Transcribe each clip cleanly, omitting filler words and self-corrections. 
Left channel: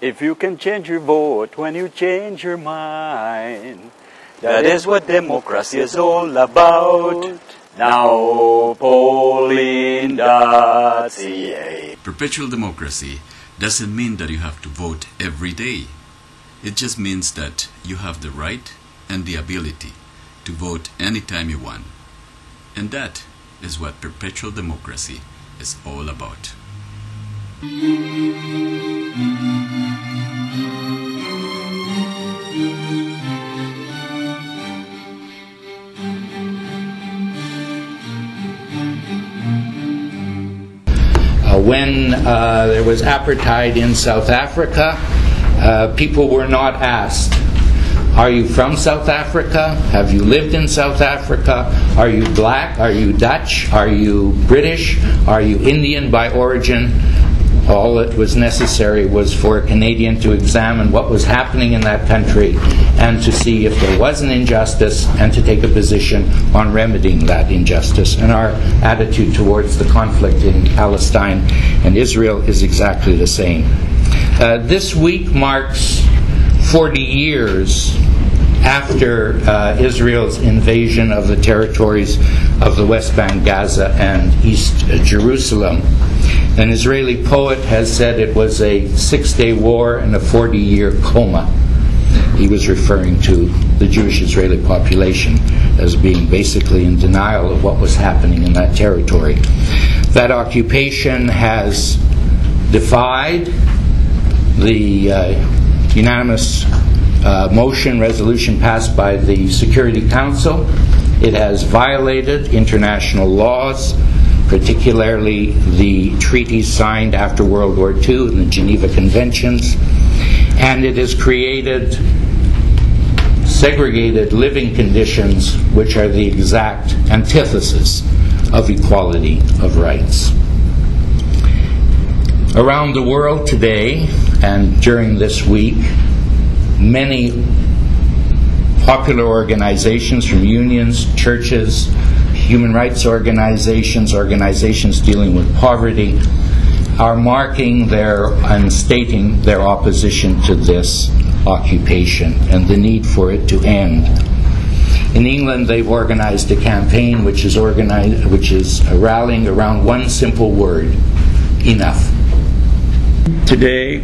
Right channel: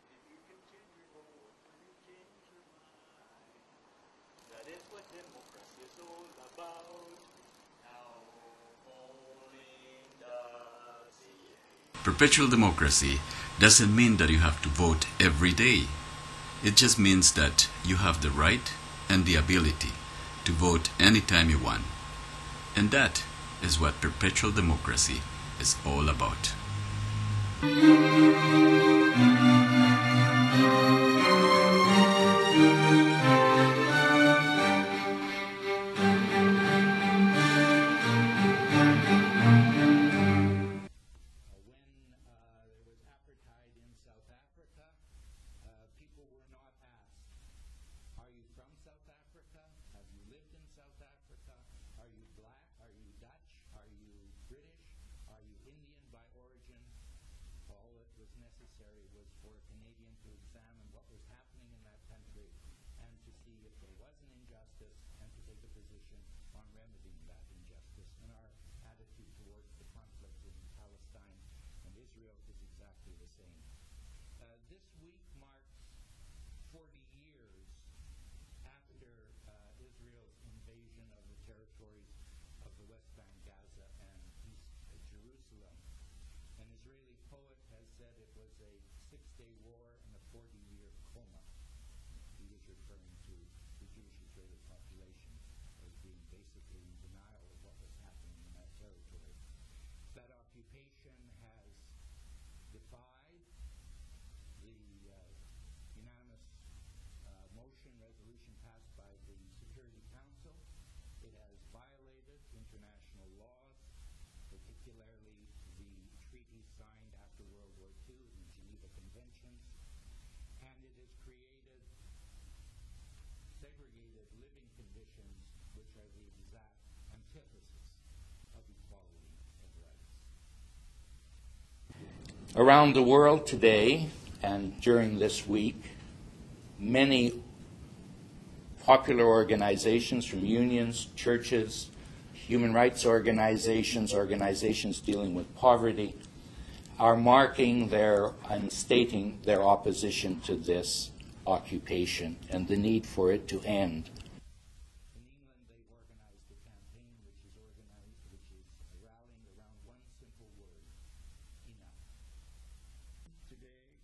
If you can change your vote when you change your mind, that is what democracy is all about. Now polling.ca. Perpetual democracy doesn't mean that you have to vote every day. It just means that you have the right and the ability to vote anytime you want. And that is what perpetual democracy is all about. When there was apartheid in South Africa, people were not asked, are you from South Africa? Have you lived in South Africa? Are you black? Are you Dutch? Are you British? Are you Indian by origin? All that was necessary was for a Canadian to examine what was happening in that country and to see if there was an injustice and to take a position on remedying that injustice. And our attitude towards the conflict in Palestine and Israel is exactly the same. This week marks 40 years after Israel's invasion of the territories of the West Bank, Gaza, and East Jerusalem. An Israeli poet has said it was a 6-day war and a 40-year coma. He was referring to the Jewish Israeli population as being basically in denial of what was happening in that territory. That occupation has defied the unanimous resolution passed by the Security Council. It has violated international laws, particularly the treaties signed after World War II and the Geneva Conventions, and it has created segregated living conditions which are the exact antithesis of equality of rights. Around the world today and during this week, many popular organizations, from unions, churches, human rights organizations, organizations dealing with poverty, are marking and stating their opposition to this occupation and the need for it to end. In England, they've organized a campaign which is rallying around one simple word: enough. Today,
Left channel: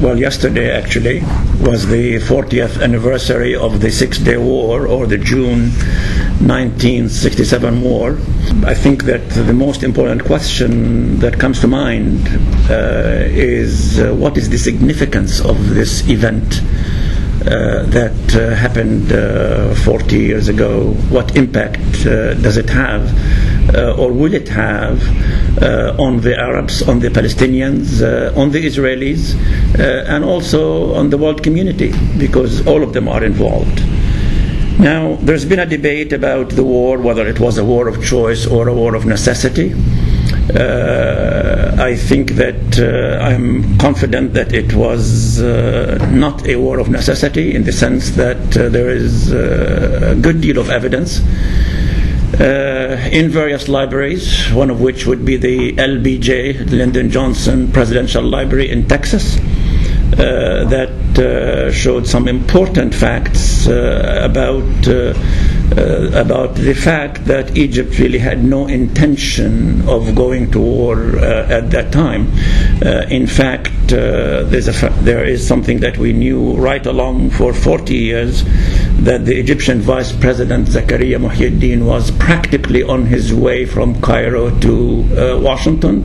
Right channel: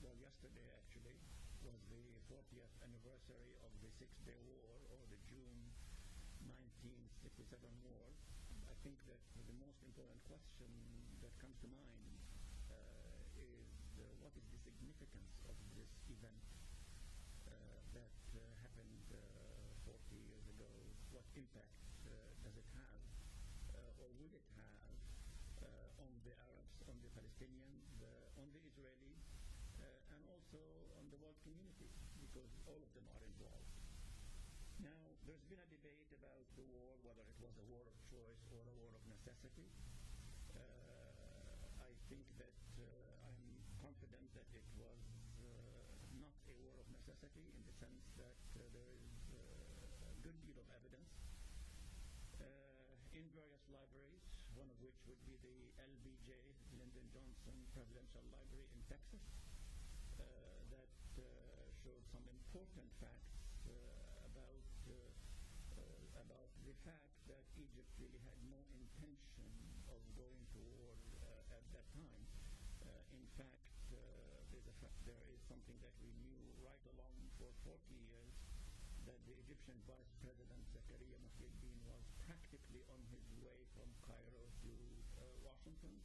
well, yesterday actually, was the 40th anniversary of the Six-Day War, or the June 1967 war. I think that the most important question that comes to mind is what is the significance of this event that happened 40 years ago? What impact does it have, or will it have, on the Arabs, on the Palestinians, on the Israelis, and also on the world community, because all of them are involved. Now, there's been a debate about the war, whether it was a war of choice or a war of necessity. I think that I'm confident that it was not a war of necessity, in the sense that there is a good deal of evidence in various libraries, one of which would be the LBJ, Lyndon Johnson Presidential Library in Texas, that showed some important facts about the fact that Egypt really had no intention of going to war at that time. In fact, there is something that we knew right along for 40 years, that the Egyptian Vice President Zakaria Muhyiddin was practically on his way from Cairo to Washington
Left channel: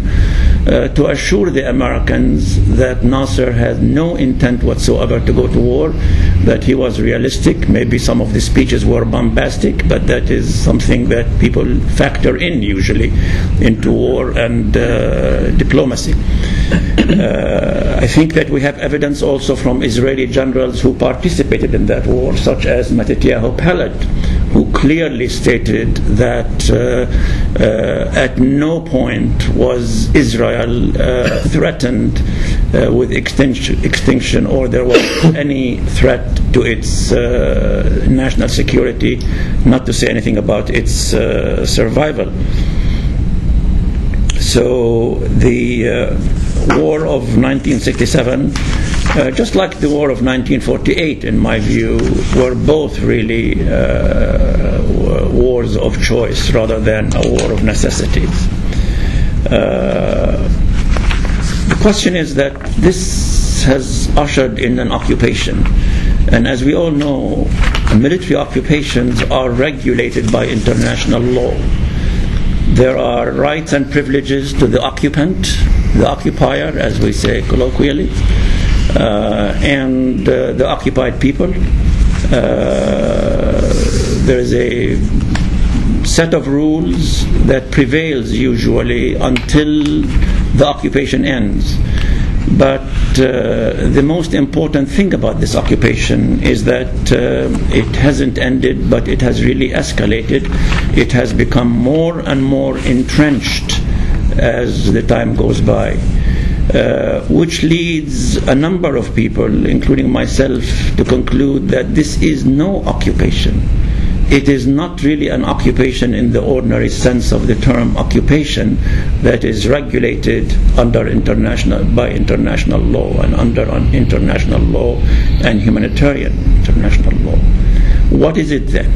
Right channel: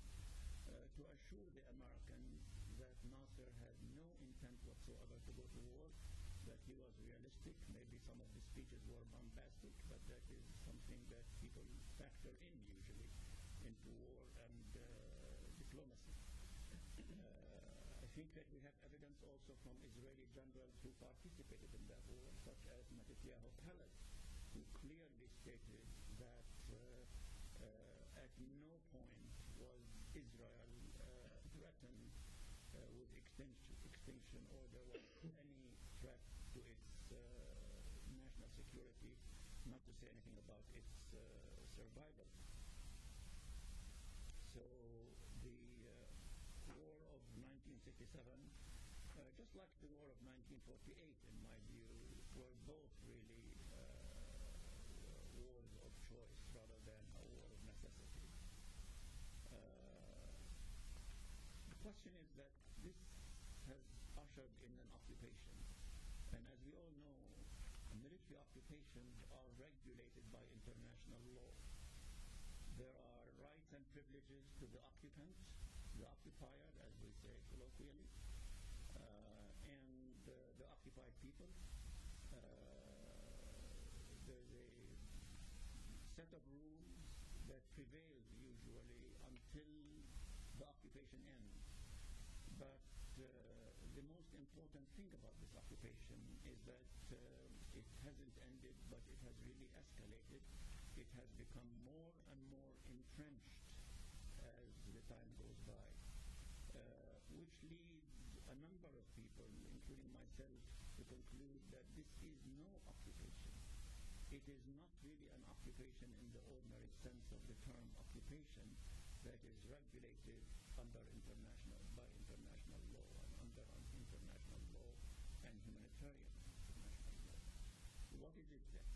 to assure the Americans that Nasser had no intent whatsoever to go to war, that he was realistic. Maybe some of the speeches were bombastic, but that is something that people factor in usually into war and diplomacy. I think that we have evidence also from Israeli generals who participated in that war, such as Matityahu Peled, who clearly stated that at no point was Israel threatened with extinction, or there was any threat to its national security, not to say anything about its survival. So the war of 1967, just like the war of 1948, in my view, were both really wars of choice rather than a war of necessities. The question is that this has ushered in an occupation. And as we all know, military occupations are regulated by international law. There are rights and privileges to the occupant, the occupier, as we say colloquially, and the occupied people. There is a set of rules that prevails usually until the occupation ends. But the most important thing about this occupation is that it hasn't ended, but it has really escalated. It has become more and more entrenched as the time goes by, which leads a number of people, including myself, to conclude that this is no occupation. It is not really an occupation in the ordinary sense of the term occupation that is regulated by international law and under international law and humanitarian international law. What is it then?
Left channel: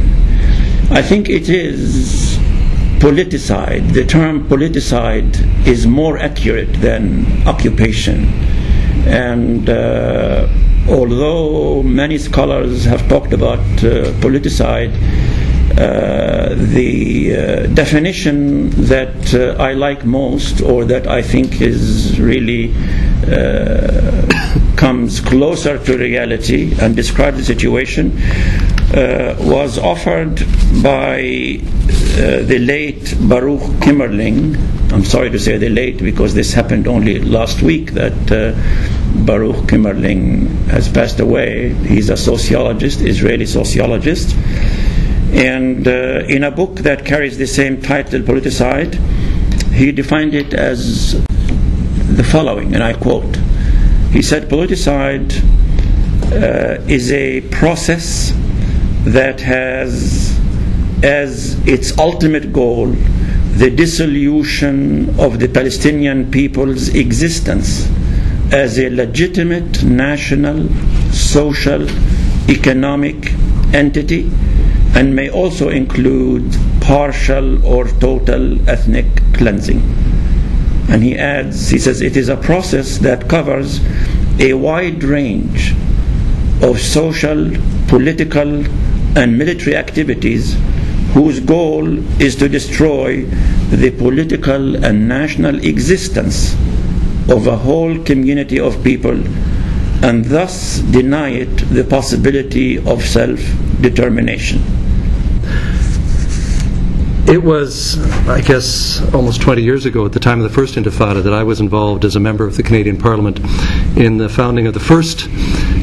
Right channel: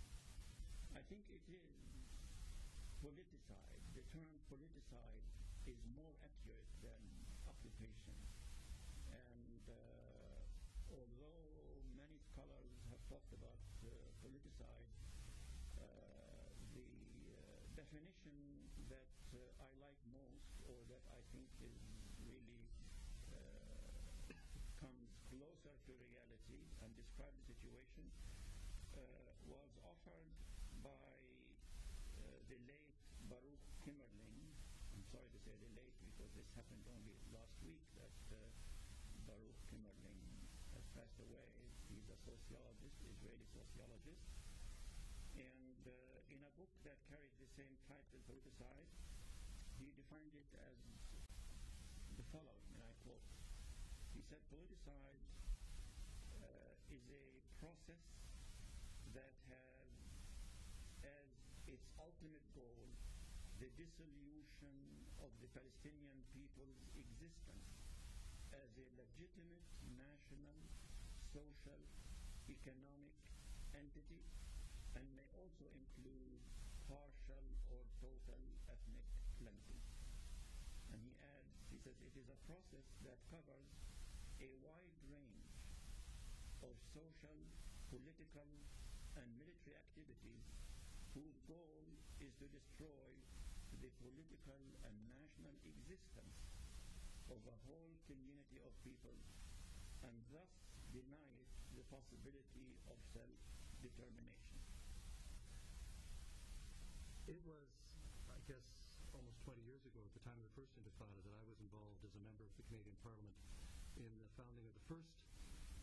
I think it is politicide. The term politicide is more accurate than occupation. And although many scholars have talked about politicide, the definition that I like most, or that I think is really comes closer to reality and describes the situation, was offered by the late Baruch Kimmerling. I'm sorry to say the late, because this happened only last week that Baruch Kimmerling has passed away. He's a sociologist, Israeli sociologist. And in a book that carries the same title, Politicide, he defined it as the following, and I quote. He said, politicide is a process that has as its ultimate goal the dissolution of the Palestinian people's existence as a legitimate national, social, economic entity, and may also include partial or total ethnic cleansing. And he adds, he says, it is a process that covers a wide range of social, political, and military activities whose goal is to destroy the political and national existence of a whole community of people, and thus deny it the possibility of self-determination. It was, I guess, almost 20 years ago, at the time of the first Intifada, that I was involved as a member of the Canadian Parliament in the founding of the first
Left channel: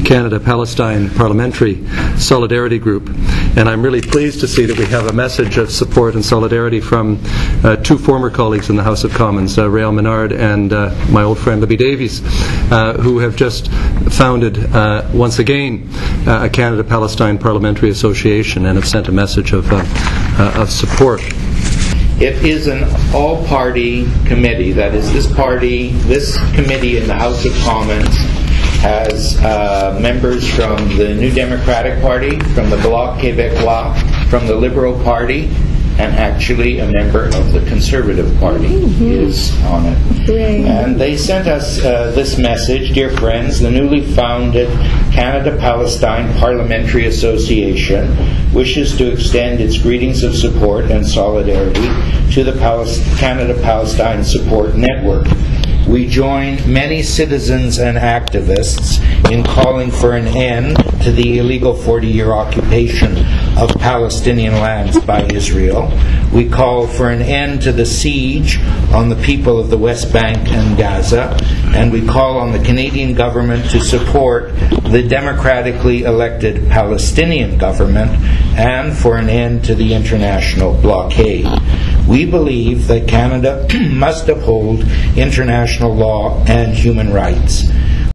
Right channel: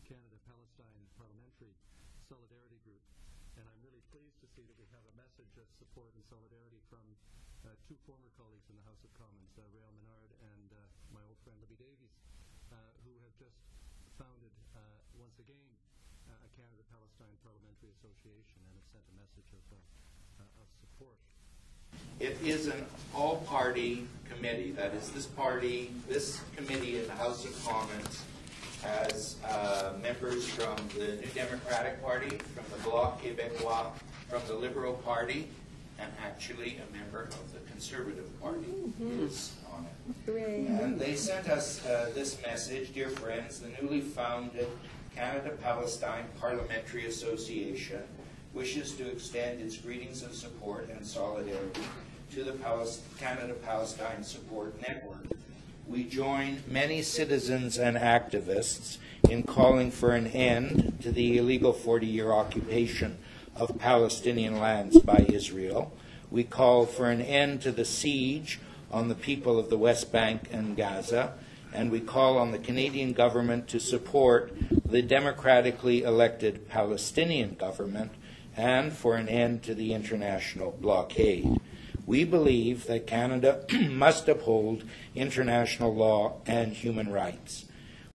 Canada-Palestine Parliamentary Solidarity Group. And I'm really pleased to see that we have a message of support and solidarity from two former colleagues in the House of Commons, Rael Menard and my old friend Libby Davies, who have just founded, once again, a Canada-Palestine Parliamentary Association, and have sent a message of support. It is an all-party committee. That is, this committee in the House of Commons has members from the New Democratic Party, from the Bloc Québécois, from the Liberal Party, and actually a member of the Conservative Party is on it. And they sent us this message: dear friends, the newly founded Canada-Palestine Parliamentary Association wishes to extend its greetings of support and solidarity to the Canada-Palestine Support Network. We join many citizens and activists in calling for an end to the illegal 40-year occupation of Palestinian lands by Israel. We call for an end to the siege on the people of the West Bank and Gaza, and we call on the Canadian government to support the democratically elected Palestinian government and for an end to the international blockade. We believe that Canada must uphold international law and human rights.